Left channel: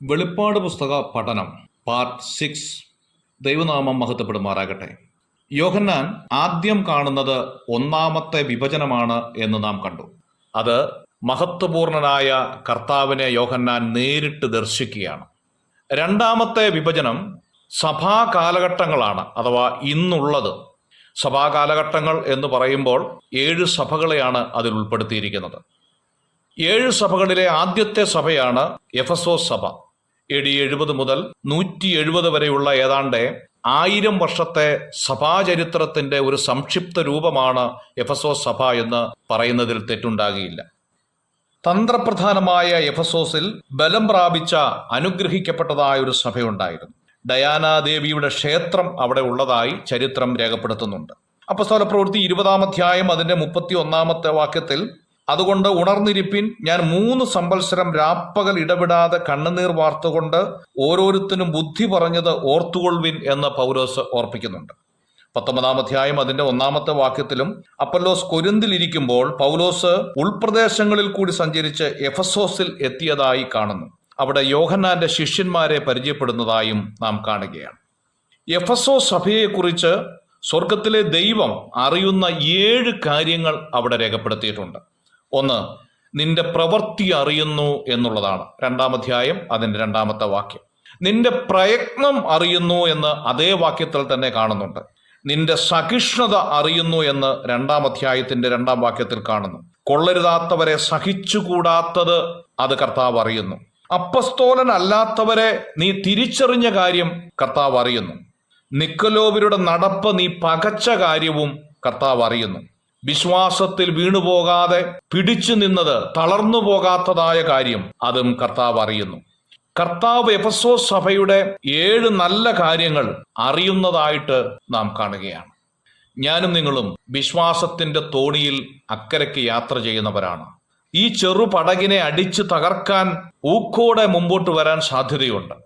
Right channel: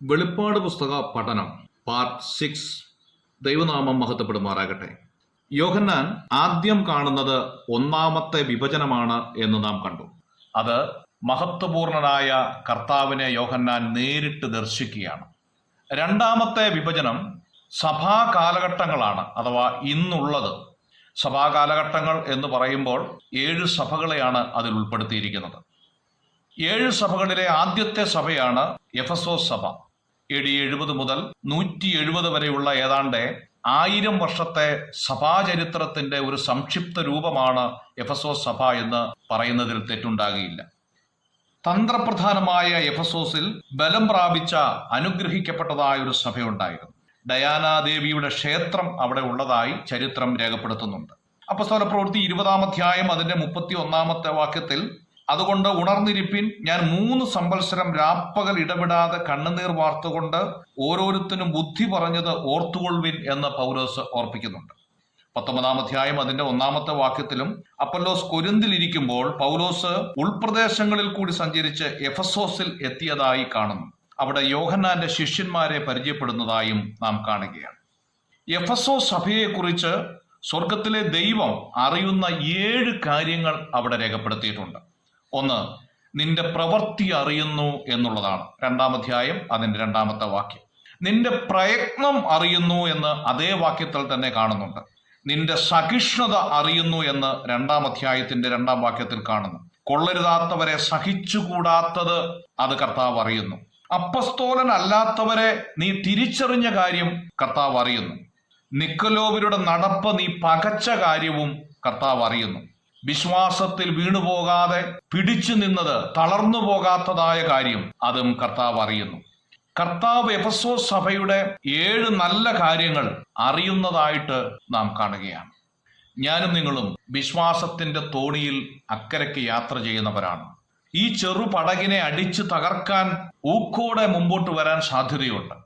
വെളിപ്പാട് പുസ്തക പഠനം പാർട്ട് 6. ദൈവനാമം മഹത്വപ്പെടുമാറാകട്ടെ. യോഹന്നാൻ ആദ്യം കാണുന്നത് ഒന്നാമത്തെ വിഭജനമാണ് എന്ന് നാം കണ്ടു. അത് മഹത്വപൂർണനായ കർത്താവിനെ യോഹന്നാൻ നേരിട്ട് ദർശിക്കുകയാണ്. രണ്ടാമത്തെ വിഭജനം സഭാ കാലഘട്ടങ്ങളാണ്, അഥവാ ഇന്നുള്ളത്. സഭാ കാലഘട്ടങ്ങൾ എന്ന് പറയുമ്പോൾ 7 സഭകളെയാണ് അതിൽ ഉൾപ്പെടുത്തിയിരിക്കുന്നത്. 7 സഭകളിലെ ആദ്യത്തെ സഭയാണ് എഫെസോസ് സഭ. AD 70 മുതൽ 170 വരെയുള്ള ഏതാണ്ട് 1000 വർഷത്തെ സഭാചരിത്രത്തിന്റെ ഒരു സംക്ഷിപ്ത രൂപമാണ് എഫെസോസ് സഭ എന്ന് പറയുന്നതിൽ തെറ്റുണ്ടാകില്ല. തന്ത്രപ്രധാനമായ എഫെസോസിൽ ബലം പ്രാപിച്ച അനുഗ്രഹിക്കപ്പെട്ടതായ ഒരു സഭയുണ്ടായിരുന്നു. ഡയാനാദേവിയുടെ ക്ഷേത്രം അവിടെ ഉള്ളതായി ചരിത്രം രേഖപ്പെടുത്തുന്നുണ്ട്. അപ്പോസ്തലപ്രവൃത്തി 20-ാം അധ്യായം അതിന്റെ 31-ാമത്തെ വാക്യത്തിൽ, അതുകൊണ്ട് ഉണർന്നിരിപ്പിൻ, ഞാൻ 3 സംവത്സരം രാപ്പകൽ ഇടവിടാതെ കണ്ണുനീർ വാർത്തുകൊണ്ട് ഓരോരുത്തരും ബുദ്ധി പറഞ്ഞത് ഓർത്തുകൊള്ളുവിൻ എന്ന് പൗലോസ് ഓർപ്പിക്കുന്നുണ്ട്. 19-ാം അധ്യായം അതിന്റെ 1-ാമത്തെ വാക്യത്തിലും അപ്പൊല്ലോസ് കൊരിന്തിലിരിക്കുമ്പോൾ പൗലോസ് ഉൾപ്രദേശങ്ങളിൽ കൂടി സഞ്ചരിച്ച് എഫെസോസിൽ എത്തിയതായി കാണുന്നു. അവിടെ യോഹന്നാന്റെ ശിഷ്യന്മാരെ പരിചയപ്പെടുന്നതായും നാം കാണുകയാണ്. എഫെസോസ് സഭയെക്കുറിച്ച് സ്വർഗത്തിലെ ദൈവം അറിയുന്ന 7 കാര്യങ്ങൾ അവിടെ രേഖപ്പെടുത്തിയിട്ടുണ്ട്. 1, നിന്റെ പ്രവൃത്തി അറിയുന്നു എന്നുള്ളതാണ്. 2-ാം അധ്യായം അതിന്റെ 2-ാമത്തെ വാക്യം. നിന്റെ പ്രയത്നം അറിയുന്നു എന്ന് അതേ വാക്യത്തിൽ തന്നെ കാണുന്നുണ്ട്. നിന്റെ സഹിഷ്ണുത അറിയുന്നു എന്ന് 2-ാം അധ്യായത്തിന്റെ 2-ാം വാക്യത്തിൽ കാണുന്നു. കൊള്ളരുതാത്തവരെ സഹിച്ചുകൂടാത്തത് അത് കർത്താവ് അറിയുന്നു. അപ്പസ്തോലൻ അല്ലാത്തവരെ നീ തിരിച്ചറിഞ്ഞ കാര്യം കർത്താവ് അറിയുന്നു. നിക്കലോവരുടെ നടപ്പ് നീ പകച്ച കാര്യവും കർത്താവ് അറിയുന്നു. വിശ്വാസത്തിൽ വീണുപോകാതെ പിടിച്ചു നിന്നത് തളർന്നു പോകാത്തതായ കാര്യം അതും കർത്താവ് അറിയുന്നു. കർത്താവ് എഫെസോസ് സഭയുടെ 7 നല്ല കാര്യങ്ങൾ അറിയുന്നതായിട്ട് നാം കാണുകയാണ്. ഞാനും നിങ്ങളും വിശ്വാസത്തിന്റെ തോണിയിൽ അക്കരയ്ക്ക് യാത്ര ചെയ്യുന്നവരാണ്. ഈ ചെറു പടകിനെ അടിച്ചു തകർക്കാൻ ഊക്കോടെ മുമ്പോട്ട് വരാൻ സാധ്യതയുണ്ട്.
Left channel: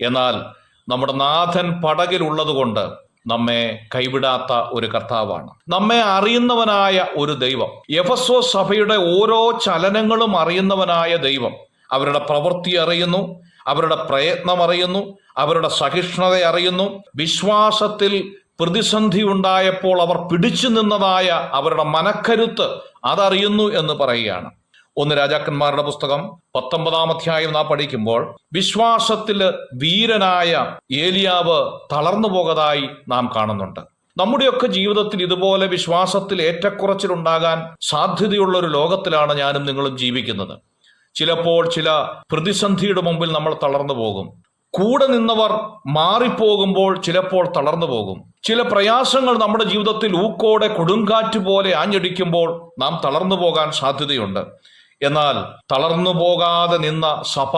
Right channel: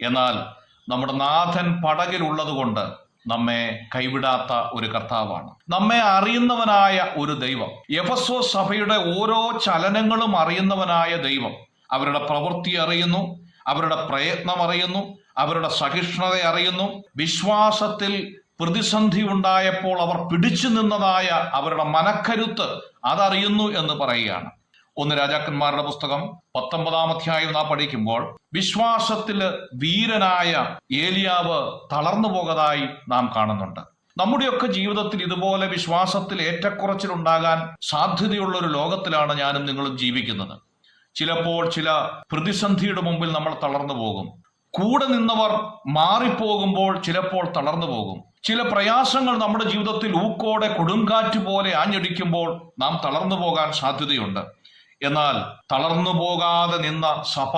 എന്നാൽ നമ്മുടെ നാഥൻ പടകിലുള്ളത് കൊണ്ട് നമ്മെ കൈവിടാത്ത ഒരു കർത്താവാണ്. നമ്മെ അറിയുന്നവനായ ഒരു ദൈവം. എഫെസോസ് സഭയുടെ ഓരോ ചലനങ്ങളും അറിയുന്നവനായ ദൈവം അവരുടെ പ്രവൃത്തി അറിയുന്നു, അവരുടെ പ്രയത്നം അറിയുന്നു, അവരുടെ സഹിഷ്ണുത അറിയുന്നു. വിശ്വാസത്തിൽ പ്രതിസന്ധി ഉണ്ടായപ്പോൾ അവർ പിടിച്ചു നിന്നതായ അവരുടെ മനക്കരുത്ത് അതറിയുന്നു എന്ന് പറയുകയാണ്. 1 രാജാക്കന്മാരുടെ പുസ്തകം 19-ാം അധ്യായം നാം പഠിക്കുമ്പോൾ വിശ്വാസത്തില് വീരനായ ഏലിയാവ് തളർന്നു പോകതായി നാം കാണുന്നുണ്ട്. നമ്മുടെയൊക്കെ ജീവിതത്തിൽ ഇതുപോലെ വിശ്വാസത്തിൽ ഏറ്റക്കുറച്ചിലുണ്ടാകാൻ സാധ്യതയുള്ള ഒരു ലോകത്തിലാണ് ഞാനും നിങ്ങളും ജീവിക്കുന്നത്. ചിലപ്പോൾ ചില പ്രതിസന്ധിയുടെ മുമ്പിൽ നമ്മൾ തളർന്നു പോകും. കൂടെ നിന്നവർ മാറിപ്പോകുമ്പോൾ ചിലപ്പോൾ തളർന്നു പോകും. ചില പ്രയാസങ്ങൾ നമ്മുടെ ജീവിതത്തിൽ ഊക്കോടെ കൊടുങ്കാറ്റ് പോലെ ആഞ്ഞടിക്കുമ്പോൾ നാം തളർന്നു പോകാൻ സാധ്യതയുണ്ട്. എന്നാൽ തളർന്നു പോകാതെ നിന്ന സഭ,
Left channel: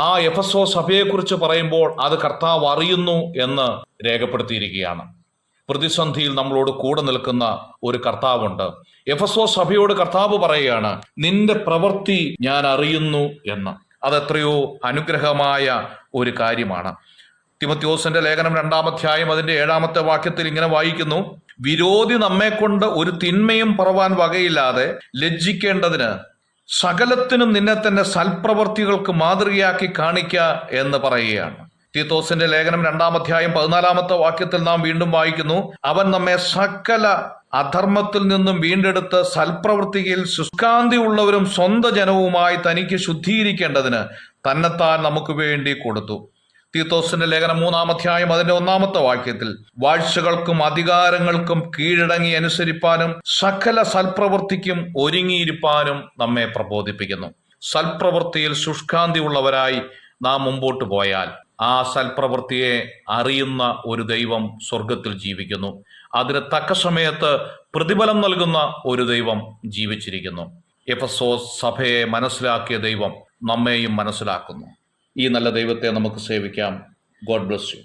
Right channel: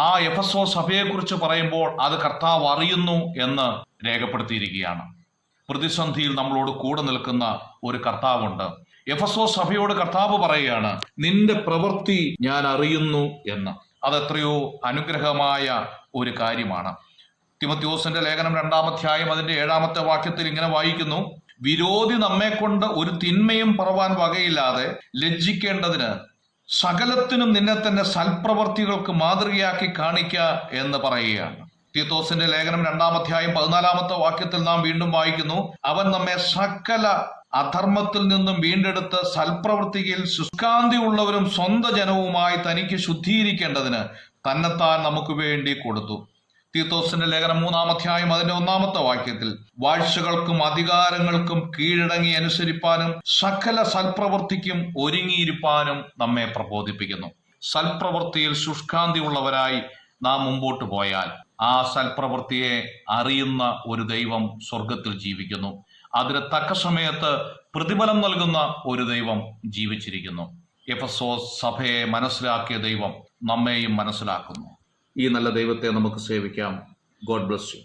ആ എഫെസോസ് സഭയെക്കുറിച്ച് പറയുമ്പോൾ അത് കർത്താവ് അറിയുന്നു എന്ന് രേഖപ്പെടുത്തിയിരിക്കുകയാണ്. പ്രതിസന്ധിയിൽ നമ്മളോട് കൂടെ നിൽക്കുന്ന ഒരു കർത്താവുണ്ട്. എഫെസോസ് സഭയോട് കർത്താവ് പറയുകയാണ്, നിന്റെ പ്രവൃത്തി ഞാൻ അറിയുന്നു എന്ന്. അതെത്രയോ അനുഗ്രഹമായ ഒരു കാര്യമാണ്. തിമോഥെയോസിന്റെ ലേഖനം 2-ാം അധ്യായം അതിന്റെ 7-ാമത്തെ വാക്യത്തിൽ ഇങ്ങനെ വായിക്കുന്നു, വിരോധി നമ്മെ കൊണ്ട് ഒരു തിന്മയും പറവാൻ വകയില്ലാതെ ലജ്ജിക്കേണ്ടതിന് സകലത്തിനും നിന്നെ തന്നെ സൽപ്രവർത്തികൾക്ക് മാതൃകയാക്കി കാണിക്ക എന്ന് പറയുകയാണ്. തീത്തോസിന്റെ ലേഖനം 2-ാം അധ്യായം 14-ാമത്തെ വാക്യത്തിൽ നാം വീണ്ടും വായിക്കുന്നു, അവൻ നമ്മെ സകല അധർമ്മത്തിൽ നിന്നും വീണ്ടെടുത്ത് സൽപ്രവൃത്തിയിൽ ശുഷ്കാന്തി ഉള്ളവരും സ്വന്തം ജനവുമായി തനിക്ക് ശുദ്ധീകരിക്കേണ്ടതിന് തന്നെത്താൻ നമുക്ക് വേണ്ടി കൊടുത്തു. തീത്തോസിന്റെ ലേഖനം 3-ാം അധ്യായം അതിന്റെ 1-ാമത്തെ വാക്യത്തിൽ, വാഴ്ചകൾക്കും അധികാരങ്ങൾക്കും കീഴടങ്ങി അനുസരിപ്പാനും സകല സൽപ്രവൃത്തിക്കും ഒരുങ്ങിയിരിപ്പാനും നമ്മെ പ്രബോധിപ്പിക്കുന്നു. സൽപ്രവൃത്തിയിൽ ശുഷ്കാന്തി ഉള്ളവരായി നാം മുമ്പോട്ട് പോയാൽ ആ സൽപ്രവൃത്തിയെ അറിയുന്ന ഒരു ദൈവം സ്വർഗത്തിൽ ജീവിക്കുന്നു. അതിന് തക്ക സമയത്ത് പ്രതിഫലം നൽകുന്ന ഒരു ദൈവം ജീവിച്ചിരിക്കുന്നു. എഫെസോസ് സഭയെ മനസ്സിലാക്കിയ ദൈവം നമ്മെയും മനസ്സിലാക്കുന്നു. ഈ നല്ല ദൈവത്തെ നമുക്ക് സേവിക്കാം. God bless you.